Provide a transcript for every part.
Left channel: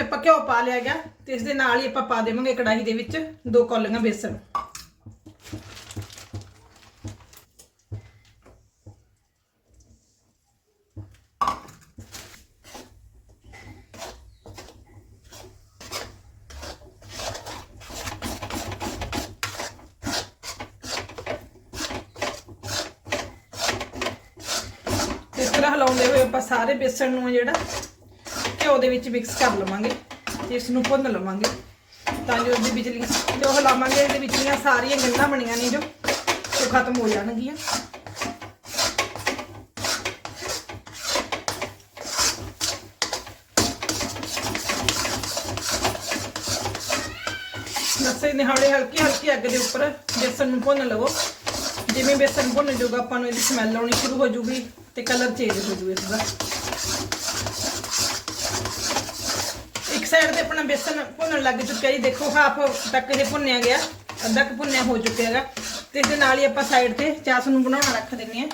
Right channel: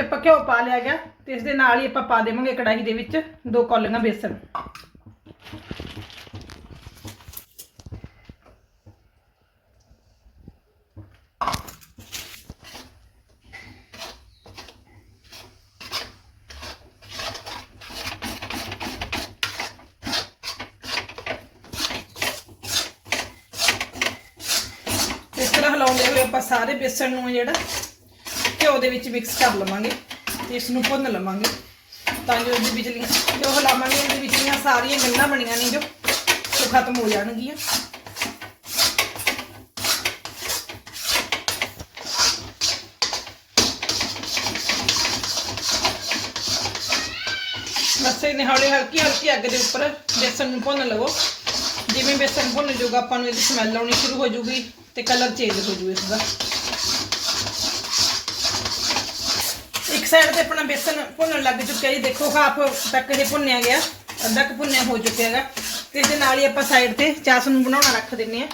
ਵਿੱਚ ਆਪਾਂ ਘਿਓ ਪਾ ਲਿਆ ਗਿਆ ਤੇ ਇਸ ਦੇ ਨਾਲ ਹੀ ਆਪਾਂ ਪਾ ਦੇਵਾਂਗੇ ਕੜਾਹੀ ਦੇ ਵਿੱਚ ਦੋ ਕੌਲੀਆਂ ਬੇਸਣ। ਇਸ ਤਰ੍ਹਾਂ ਹਿਲਾਉਂਦੇ ਹੋਏ ਆਪਾਂ ਸਾਰੇ ਬੇਸਣ ਨੂੰ ਜਿਹੜਾ ਘਿਓ ਦੇ ਵਿੱਚ ਮਿਕਸ ਕਰ ਲਵਾਂਗੇ ਤੇ ਇਸ ਨੂੰ ਭੁੰਨ ਲਵਾਂਗੇ। ਤਾਂ ਜੋ ਇਹਦੇ ਵਿਚਲੀਆਂ ਜੋ ਹਿਲਾਵਾਂਗੇ ਇਹਦੇ ਵਿਚਲੀਆਂ ਸਾਰੀਆਂ ਗੱਲਾਂ ਬਣੀਆਂ ਨੇ ਜੋ, ਉਹ ਖਤਮ ਹੋ ਜਾਣਗੀਆਂ। ਬਸ ਇਹਨੇ ਹੌਲੀ ਹਲਕੀ ਹਲਕੀ ਅੱਗ ਦੇ ਉੱਪਰ ਬੇਸਣ ਨੂੰ ਭੁੰਨ ਲਵੋ। ਜਿਵੇਂ ਬੇਸਣ ਭੁੰਨ ਜਾਊਗਾ ਆਪਾਂ ਨੂੰ ਇਹਦੀ ਸਮੈਲ ਆਉਣੀ ਸ਼ੁਰੂ ਹੋ ਜਾਊਗੀ ਤੇ ਕਲਰ ਚੇਂਜ ਹੋ ਜਾਊਗਾ ਇਸਦਾ ਸਾਈਡ ਤੇ ਆਪਣਾ ਬੇਸਨ ਭੁੰਨਣ ਲੱਗ ਚੁੱਕਿਆ ਜੀ। ਦੇਖੋ ਹਾਫ ਤੱਕ ਇਹ ਭੁੰਨਿਆ ਗਿਆ। ਅੱਧਾ ਕੁ ਭੁੰਨਿਆ ਹੋ ਚੁੱਕਿਆ ਹੈਗਾ। ਤੇ ਇਹਦੇ ਨਾਲ ਹੀ ਆਪਾਂ ਸਾਈਡ ਤੇ ਚਾਸ ਨੂੰ ਬਣਾਉਣਾ ਰੱਖ ਦਿੰਨੇ ਆ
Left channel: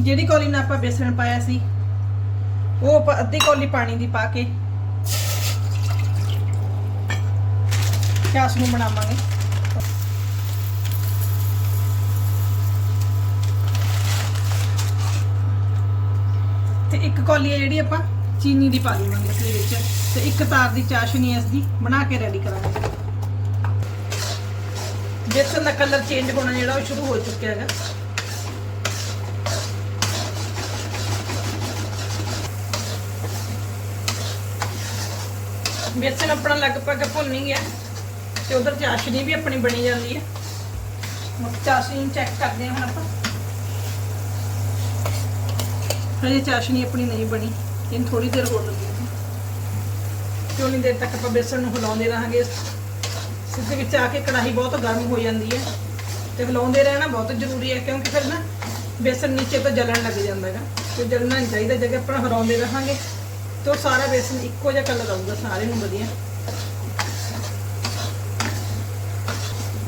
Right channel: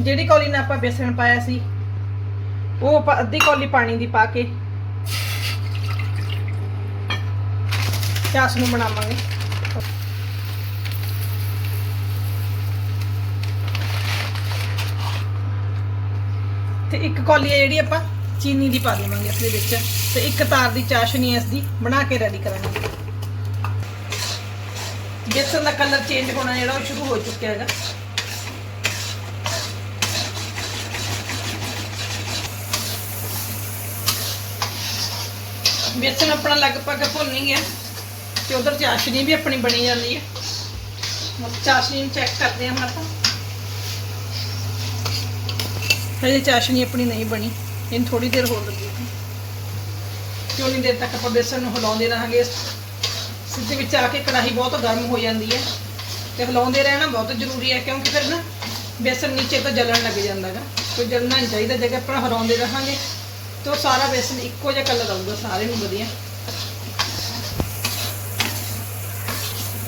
ਜਿਹੜੀ ਕੌਲੀ ਨਾਲ ਆਪਾਂ ਬੇਸਣ ਪਾਇਆ ਸੀ, ਉਹ ਆਪਾਂ ਅੱਧੀ ਕੌਲੀ ਪਾਣੀ ਦੀ ਪਾ ਕੇ ਚਾਸ ਨੂੰ ਬਣਾਵਾਂਗੇ। ਤੇ ਇੱਕ ਕੌਲੀ ਹੈ ਜਿਹੜੀ ਆਪਾਂ ਚੀਨੀ ਦੀ ਪਾ ਲਵਾਂਗੇ ਇਸ ਦੇ ਵਿੱਚ ਤੇ ਇੱਕ ਤਾਰ ਦੀ ਚਾਸ਼ਨੀ ਇਸ ਦੀ, ਬਣਾ ਕੇ ਰੈਡੀ ਕਰਾਂਗੇ। ਬੇਸਨ ਦਾ ਕਲਰ ਚੇਂਜ ਹੋਣਾ ਜਿਹੜਾ ਉਹ ਸ਼ੁਰੂ ਹੋ ਚੁੱਕਿਆ ਹੈਗਾ। ਬੇਸਣ ਆਪਣਾ ਲਗਭਗ ਭੁੰਨ ਹੀ ਗਿਆ ਤੇ ਉਧਰ ਚਾਸ਼ਨੀ ਵੀ ਆਪਣੀ ਬਣੀ ਜਾਂਦੀ ਹੈ। ਹੁਣ ਚਾਸ਼ਨੀ ਨੂੰ ਚੈੱਕ ਕਰਦੇ ਹਾਂ ਹੁਣ ਆਪਾਂ। ਹਜੇ ਚਾਸ਼ਨੀ ਆਪਣੀ ਨਹੀਂ ਬਣੀ। ਇਹਨੂੰ ਥੋੜੀ ਦੇਰ ਹੋਰ ਲੱਗੀ ਕਿਉਂ ਨਹੀਂ ਦੇਰ ਤੱਕ ਆਪਾਂ ਬੇਸਣ ਨੂੰ ਹਿਲਾਉਂਦੇ ਰਹਾਂਗੇ? ਸਿੱਧੇ ਵਿੱਚ ਆ ਕੇ ਕੜਾਹੀ ਬਹੁਤ ਗਰਮ ਹੋ ਜਾਂਦੀ ਹੈ ਤੇ ਹਿਲਾਉਂਦੇ ਰਹਿਣਾ ਬਹੁਤ ਜ਼ਰੂਰੀ ਹੈ ਕਿਉਂਕਿ ਫਿਰ ਨਾ ਬੇਸਨ ਨੀਚੇ ਤੋਂ ਜਲਣ ਲੱਗ ਜਾਂਦਾ ਹੈਗਾ ਕੋਈ ਜਲਣਾ ਨਹੀਂ ਚਾਹੀਦਾ ਜੇ ਆਪਾਂ ਹਿਲਾਉਂਦੇ ਰਹਾਂਗੇ ਤੇ ਉਹ ਸਾਰਾ ਬੇਸਨ ਇੱਕੋ ਜਿਹਾ ਕਲਰ ਆਊਗਾ, ਸਾਰੇ ਨੂੰ ਵਧੀਆ।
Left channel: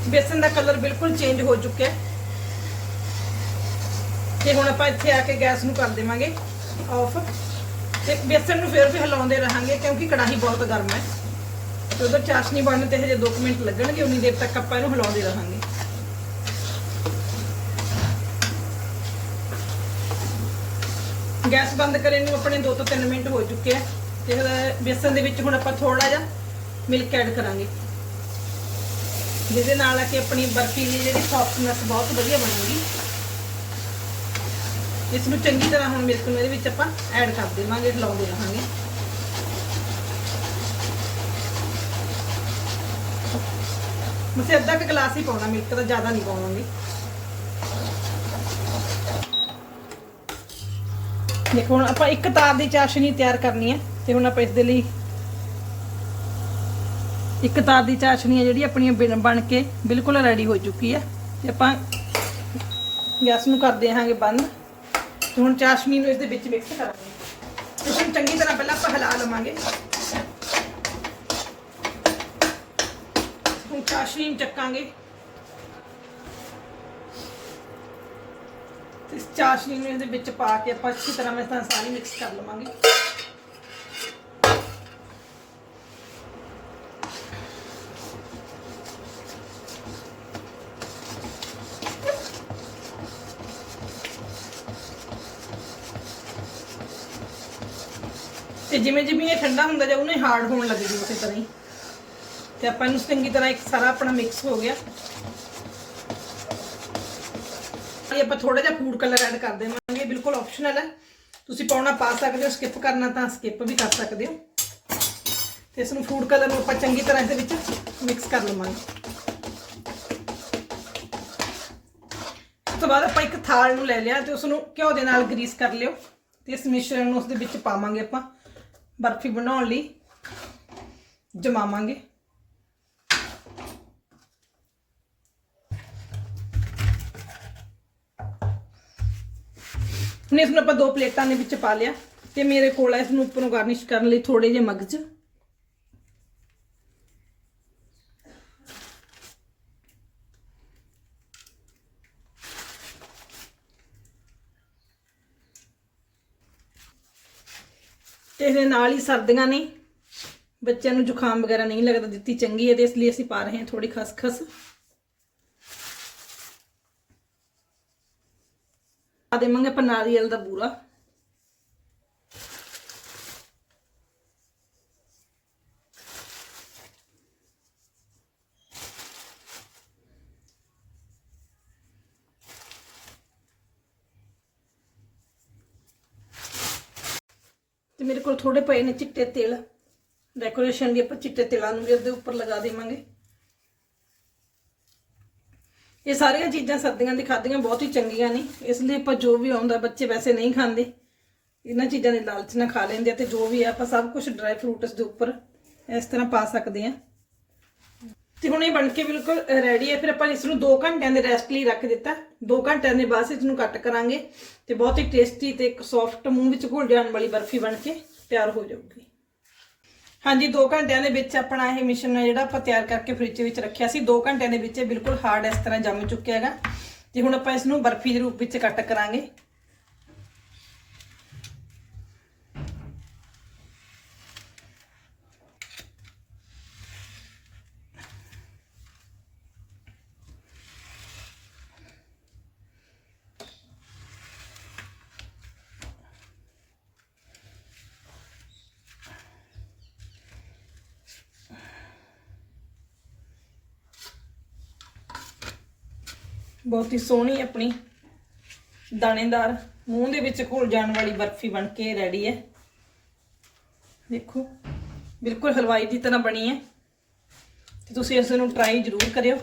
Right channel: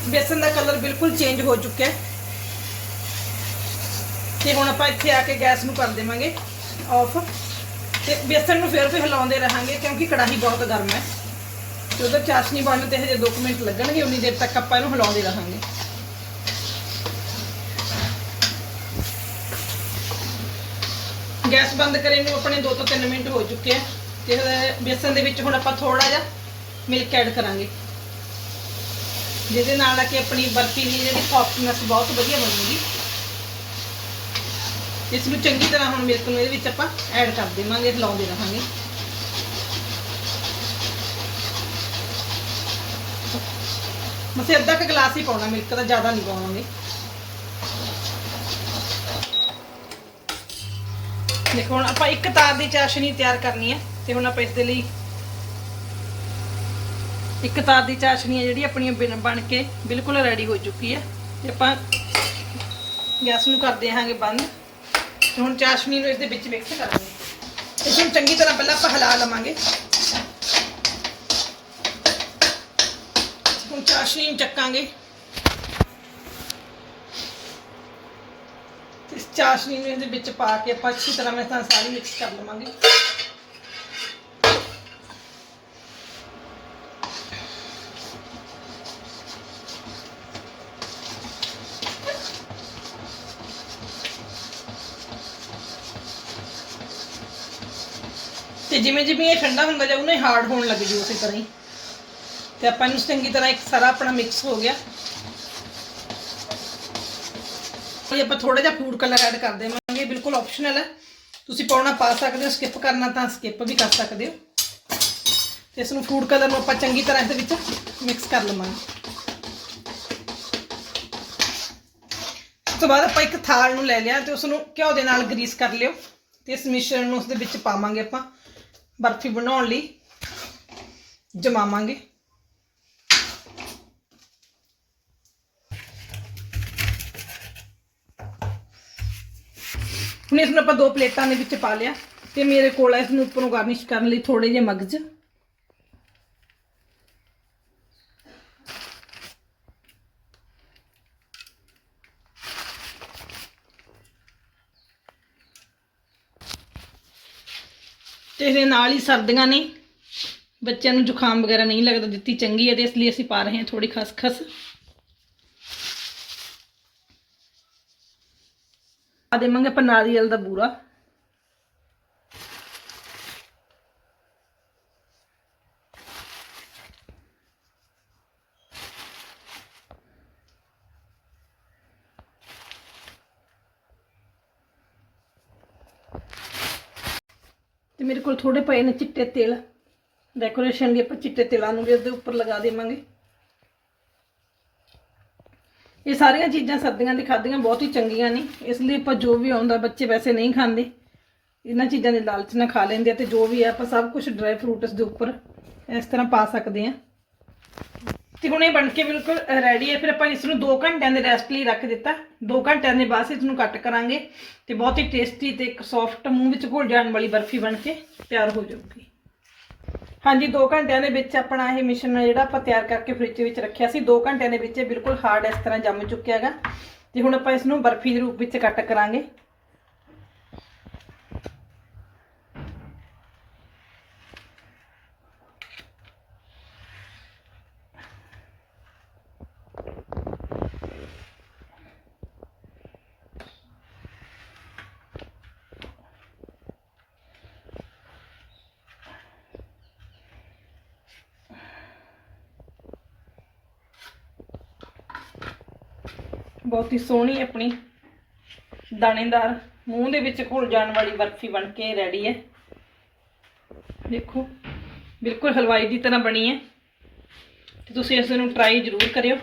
ਬੇਸਨ ਦਾ ਕਲਰ ਬਿਲਕੁਲ ਚੇਂਜ ਹੋ ਚੁੱਕਿਆ ਹੈ। ਤੇ ਹੁਣ ਆਪਾਂ ਇੱਥੇ ਆ ਕੇ ਗੈਸ ਨੂੰ ਕਰ ਦੇਵਾਂਗੇ। ਆਫ। ਤੇ ਬੇਸਣ ਨੂੰ ਫਿਰ ਵੀ ਹਿਲਾਉਂਦੇ ਰਹਾਂਗੇ ਕਿਉਂਕਿ ਕੜਾਹੀ ਬਹੁਤ ਗਰਮ ਹੈ। ਉਧਰ ਚਾਸ਼ਨੀ ਬਣਨ ਤੇ ਹਜੇ 2 ਮਿੰਟ ਲੱਗਣਗੇ, ਉਨੀ ਦੇਰ ਤੱਕ ਆਪਾਂ ਇਹਨੂੰ ਹਿਲਾਉਂਦੇ ਰਹਾਂਗੇ। ਗੈਸ ਬੰਦ ਕਰੇ ਨੂੰ ਆਪਣੇ 2 ਤੋਂ 3 ਮਿੰਟ ਹੋ ਚੁੱਕੇ ਆ ਤੇ ਬੇਸਣ ਦੇ ਵਿੱਚ ਹੁਣ ਆਪਾਂ ਥੋੜਾ ਜਿਹਾ ਮਿਲਕ ਐਡ ਕਰਾਂਗੇ। ਜਿਹਦੇ ਨਾਲ ਆ ਕਿ ਆਪਣੀ ਬਰਫੀ ਦੀ ਜਿਹੜੀ ਸੌਫਟਨੈਸ ਬਹੁਤ ਵਧੀਆ ਬਣੂਗੀ। ਇਸ ਨੂੰ ਚੰਗੀ ਤਰ੍ਹਾਂ ਹੁਣ ਮਿਲਕ ਨੂੰ ਇਹਦੇ ਵਿੱਚ ਆਪਾਂ ਐਡ ਕਰ ਦੇਵਾਂਗੇ ਲਾਉਂਦੇ ਰਹਾਂਗੇ। ਮਸੇ ਅੱਧਾ ਕੁ ਗਲਾਸ ਹੀ ਪਾਉਣਾ, ਮਿਲਕ ਦਾ ਜ਼ਿਆਦਾ ਨਹੀਂ ਪਾਵਾਂਗੇ। ਦੇਖੋ, ਹੁਣ ਆਪਾਂ ਇੱਕ ਤਾਰ ਦੀ ਚਾਸ਼ਨੀ ਤਿਆਰ ਕਰਨੀ ਹੈ ਤੇ ਹੁਣ ਆਪਾਂ ਇਸ ਦੇ ਲਈ ਇੱਕ ਤਾਰ ਦੀ ਚਾਸ਼ਨੀ ਹੈ ਜਿਹੜੀ ਆਪਣੀ ਬਣ- ਕੇ ਬਿਲਕੁਲ ਰੈਡੀ ਹੋ ਚੁੱਕੀ ਹੈ। ਤੇ ਆਪਾਂ ਗੈਸ ਨੂੰ ਕਰ ਦੇਵਾਂਗੇ ਬੰਦ। ਹੁਣ ਚਾਸ਼ਨੀ ਨੂੰ ਇਸ ਦੇ ਵਿੱਚ ਮਿਕਸ ਕਰਾਂਗੇ। ਇਸ ਨੂੰ ਚੰਗੀ ਤਰ੍ਹਾਂ ਪਹਿਲਾਂ ਆਪਾਂ ਹਿਲਾ ਲਵਾਂਗੇ। ਹੁਣ ਚਾਸ਼ਨੀ ਨੂੰ ਚੱਕਾਂਗੇ। ਇਸ ਚਾਸ਼ਨੀ ਨੂੰ ਇਹਦੇ ਵਿੱਚ ਪਾ ਕੇ ਆਪਾਂ ਅੱਛੀ ਤਰ੍ਹਾਂ ਮੈਂ ਸਾਰੀ ਮਿਕਸ ਕਰ ਲਵਾਂਗੇ। ਤੇ ਜਿਵੇਂ ਜਿਵੇਂ ਇਹ ਠੰਡਾ ਹੁੰਦਾ ਜਾਊ ਨਾ, ਇਹ ਹਾਰਡ ਹੋਣ ਲੱਗ ਜੂ ਉਸੇ ਤਰ੍ਹਾਂ ਹੀ। ਤੇ ਆਪਾਂ ਨੂੰ ਚੰਗੀ ਤਰ੍ਹਾਂ ਇੱਕ ਸਾਰਾ ਆਪਣਾ ਮਿਕਸ ਹੋ ਗਿਆ। ਇਹ ਆਪਾਂ ਥੋੜਾ ਜਿਹਾ ਫੂਡ ਕਲਰ ਐਡ ਕਰ ਦੇਵਾਂਗੇ ਬਿਲਕੁਲ ਆਪਸ਼ਨਲ ਹੈ। ਤੁਸੀਂ ਪਾਉਣਾ ਪਾ ਸਕਦੇ ਹੋ ਸਕਿਪ ਕਰਨਾ ਤਾਂ ਸਕਿਪ ਵੀ ਕਰ ਸਕਦੇ ਹੋ। ਤੇ ਇਸ ਨੂੰ ਫੂਡ ਕਲਰ ਨੂੰ ਆਪਾਂ ਚੰਗੀ ਤਰ੍ਹਾਂ ਇਹਦੇ ਵਿੱਚ ਮਿਕਸ ਕਰ ਲਵਾਂਗੇ। ਉਸ ਤੋਂ ਬਾਅਦ ਆਪਾਂ ਇੱਕ ਥਾਲ ਨੂੰ ਲੈ ਲਿਆ ਤੇ ਉਸ ਨੂੰ ਘਿਓ ਦੇ ਨਾਲ ਗਰੀਸ ਕਰ ਲਿਓ। ਤੇ ਇਸ ਮਿਸ਼ਰਣ ਨੂੰ ਉਸ ਦੇ ਵਿੱਚ ਪਾਵਾਂਗੇ ਆਪਾਂ। ਬਰਫੀ ਬਣਾਉਣ ਲਈ ਜਮਾਵਾਂਗੇ। ਹੁਣ ਇਸ ਨੂੰ ਆਪਾਂ ਦੋ ਪਲੇਟਾਂ ਦੇ ਵਿੱਚ ਪਾ ਲਿਆ ਤੇ ਮੇਰੇ ਕੋਲ ਹੈ ਇਸ ਨੂੰ ਉੱਪਰੋਂ ਗਾਰਨਿਸ਼ ਕਰਨ ਲਈ ਥੋੜੇ ਜਿਹੇ ਮਗਜ। ਤੇ ਇਹਦੇ ਨਾਲ ਹੀ ਸਰਦੀਆਂ ਨੇ। ਬੱਚਿਆਂ ਨੂੰ ਜ਼ੁਕਾਮ ਵਗੈਰਾ ਨਹੀਂ ਲੱਗਦਾ ਦਿੱਤੀ ਚੰਗੀ ਹੈ ਤੇ ਇਸ ਲਈ ਅਸੀਂ ਪਾ ਰਹੇ ਹਾਂ ਥੋੜੀ ਖਸਖਸ। ਆ ਦੇਵਾਂਗੇ ਆਪਾਂ ਨਾਰੀਅਲ ਦਾ ਬੂਰਾ। ਮੇਰੇ ਕੋਲ ਥੋੜੇ ਪਏ ਨੇ ਚਿੱਟੇ ਤੇਲ। ਡੈਕੋਰੇਸ਼ਨ ਲਈ ਆਪਾਂ ਚਿੱਟੇ ਤੇਲਾਂ ਨੂੰ ਵੀ ਉਹਦੇ ਉੱਪਰ ਲਗਾ ਦੇਵਾਂਗੇ। ਇਹ ਸਾਰੀਆਂ ਚੀਜ਼ਾਂ ਸਰਦੀਆਂ ਦੀ ਖਾਦੀਆਂ ਬਹੁਤ ਹੀ ਚੰਗੀਆਂ ਨੇ। ਇਸ ਲਈ ਆਪਾਂ ਜੋ ਵੀ ਆਉਂਦਾ ਬੱਚੇ ਵੈਸੇ ਨਹੀਂ ਖਾਂਦੇ। ਇਹਨਾਂ ਚੀਜ਼ਾਂ ਦੇ ਲਾਲਚ ਨਾਲ ਖਾ ਲੈਂਦੇ ਆ ਤੇ ਜੋ ਵੀ ਆ, ਆਪਾਂ ਸਭ ਕੁਝ ਡਰਾਈ ਫਰੂਟਸ ਦੇ ਉੱਪਰ ਇਸ ਤਰ੍ਹਾਂ ਪਾ ਸਕਦੇ ਆ। ਤੇ ਹੁਣ ਇਹ ਬਣ ਕੇ ਬਿਲਕੁਲ ਰੈਡੀ ਹੈ। ਫਿਰ ਆਪਾਂ ਇਸ ਨੂੰ 2 ਘੰਟਿਆਂ ਦੇ ਰੈਸਟ ਲਈ ਰੱਖ ਦਿੱਤਾ। 2 ਘੰਟਿਆਂ ਦੇ ਬਾਅਦ ਇਸ ਨੂੰ ਕੱਟ ਕਰਾਂਗੇ ਤੇ ਬਹੁਤ ਹੀ ਟੇਸਟੀ ਤੇ ਇੱਕ ਸੌਫਟ ਮੂੰਹ ਵਿੱਚ ਘੁਲ ਜਾਣ ਵਾਲੀ ਬਰਫੀ ਬਣ ਕੇ ਤਿਆਰ ਹੋ ਜਾਊਗੀ। ਹਾਂਜੀ 2 ਘੰਟਿਆਂ ਦੇ ਵਿੱਚ ਆਪਣਾ ਇਹ ਮਿਸ਼ਰਣ ਹੈ ਜਿਹੜਾ ਆਪਾਂ ਤਿਆਰ ਕਰਕੇ ਫ੍ਰਿਜ ਵਿੱਚ ਰੱਖਿਆ ਸੀ। 2 ਘੰਟਿਆਂ ਦੇ ਵਿੱਚ ਇਹ ਬਿਲਕੁਲ ਹਾਰਡ ਇਸ ਤਰ੍ਹਾਂ ਜੰਮ ਚੁੱਕਿਆ ਹੈਗਾ। ਤੇ ਹੁਣ ਆਪਾਂ ਇਸ ਨੂੰ ਬਰਫੀ ਦੇ ਰੂਪ ਵਿੱਚ ਕੱਟ ਕਰਾਂਗੇ। ਬਹੁਤ ਹੀ ਸੋਹਣੀ ਆਪਣੀ ਦਾਣੇਦਾਰ ਮੂੰਹ ਦੇ ਵਿੱਚ ਘੁਲ ਜਾਣ ਵਾਲੀ ਬਰਫੀ ਬਣ ਕੇ ਰੈਡੀ ਹੈ। ਦੇਖੋ, ਬਿਲਕੁਲ ਹਲਵਾਈ ਦੀ ਤਰ੍ਹਾਂ ਬਣੀ ਹੈ। ਤੇ ਤੁਸੀਂ ਇਸ ਨੂੰ ਟਰਾਈ ਜ਼ਰੂਰ ਕਰਿਓ।